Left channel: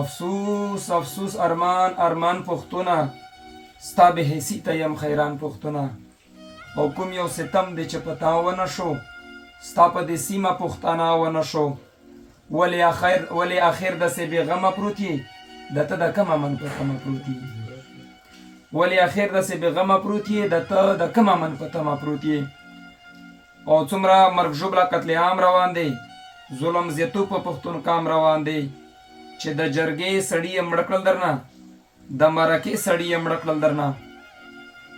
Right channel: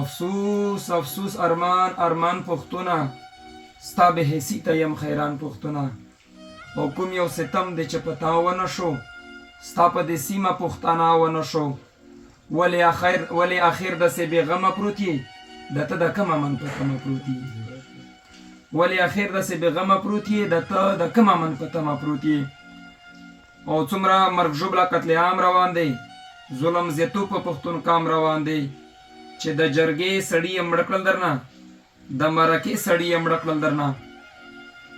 افسوس افسوس ارمان ارمان پختونه ستا به حیثی ته یم خیران پختونه او کوم یو ستم دی چې په تا ونه شو ستا په دې سیمه پښتانه ونه شو ولې اخر داسې بېغمه پروت یې د ته د کومه من په تمه پروت یې ولې اخر داسې بېغمه پروت یې د ته د کومه من په تمه پروت یې او څومره مرګ ژوبله قتل عام روان دی ظلم زیاتو په پښتون قام روان دی چې د جرګې سړي یې مړه کړل درنه د مرکې سړي یې مړه کړل درنه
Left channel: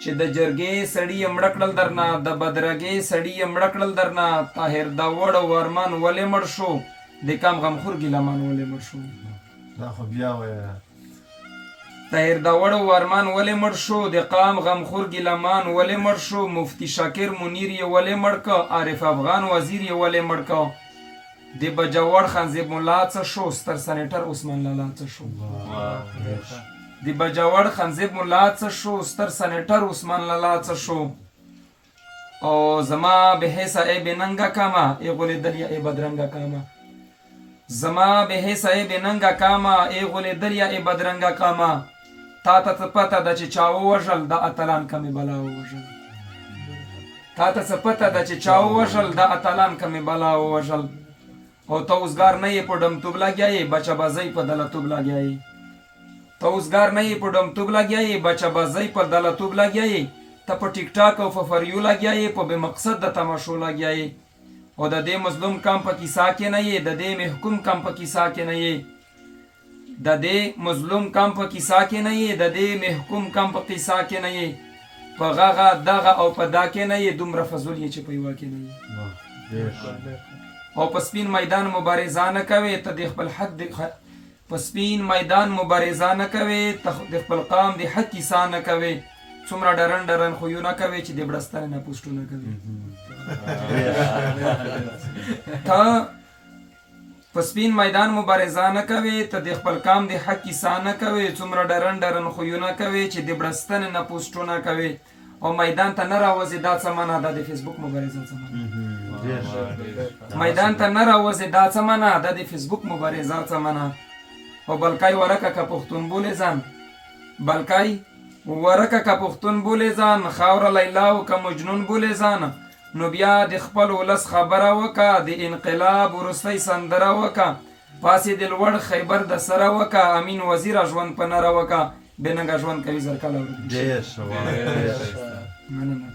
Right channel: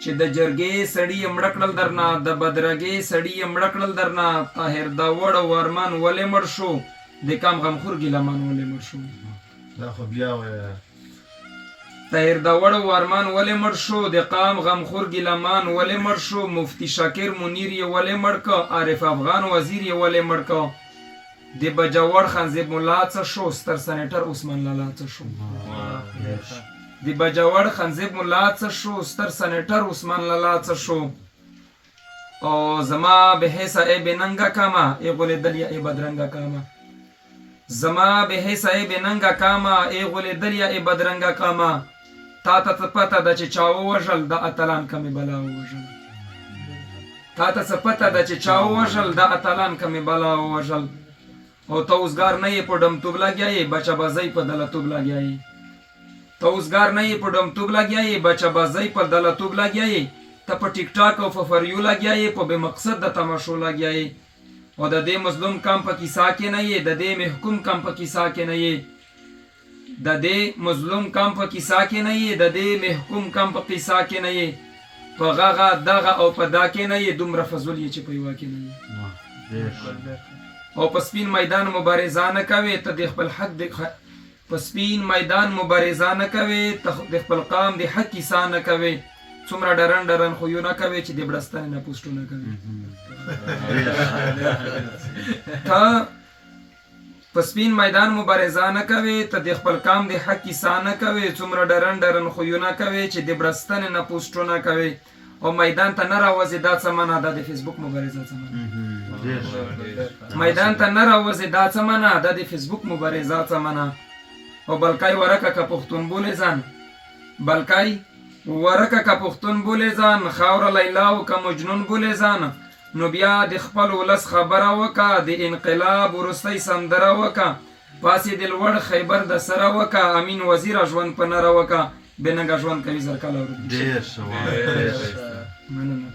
چې د جرګې سړي یې مړه کړل درنه د بدرګې سړي یې مړه کړل درنه طاهر داوړ او ارمان ولې مړ شو د کام غمخور ګیلمان ولې مړ شو دا خو بیا وایه طاهر داوړ او ارمان ولې مړ شو د قام غمخور ګیلمان ولې مړ شو مفتی شاکر منیر یې ولې مړ که عارف افغان وزیر یې ولې مړ که د بجوړ خانزیب ملا څه شو ستر سنیټر عثمان لالا څه شو د بجوړ خانزیب ملا څه شو ستر سنیټر عثمان لالا څه شو او زما به حیث ای بننګا کاما ای غولیدل یا ای بدرنګا کاما زما به حیث ای بننګا کاما ای غولیدل یا ای بدرنګا کاما تا ته پته ده چې چا ووژل د اتلان کمې بلا ووژل تا ته څه پته ده چې چا ووژل د اتلان کمې بلا ووژل او ته اوسګار نه یې په ډمتوب لګیا یې بچه بازۍ په دلتوب لګیا یې ته اوسګار نه یې په ډمتوب لګیا یې بچه بازۍ په دلتوب لګیا یې ته په ټیک ټاک او په فریو لګیا یې په بې مقصد د تماشو لګیا یې او د دې مظلوم کام په کیسه کې نه یې د دې محکوم کام په کیسه کې نه یې د دې مظلوم کام په کیسه کې نه یې د دې محکوم کام په کیسه کې نه یې په غغه دغه او په دا کې نه یې دومره فضول یې چې په یوه کې نه یې او په سپین میدان مبارزه نه کوي ته د خپل حق په سپین میدان مبارزه نه کوي ته د خپل قام د حق کیسه نه کوي څومره ډرن ډرن خویونه کوي چې د بړستنې نه پوسټونه کوي ته په سپین میدان مبارزه نه کوي ته د خپل قام د حق کیسه نه کوي څومره ډرن ډرن خویونه کوي چې د بړستنې نه پوسټونه کوي او میدان ته نه راوځي دا څه منه ده د فیسبوک مبارزه څه منه میدان ته نه راوځي دا څه منه ده د فیسبوک مبارزه څه منه او بلکای ورکه که پښتون بولې ځان بلکای ورکه که پښتون بولې ځان خاوره لیلا او که مجنون بولې ځان نو بیا د خپل ولس خبره وکه د انقلاب وروستی سندره وکه پاسې د لوړ خیبر د سره وکه امین وزیر ژوند په نره وکه بېننګه ژوند کوي زر کله ورک ډېر ښه وایه مننه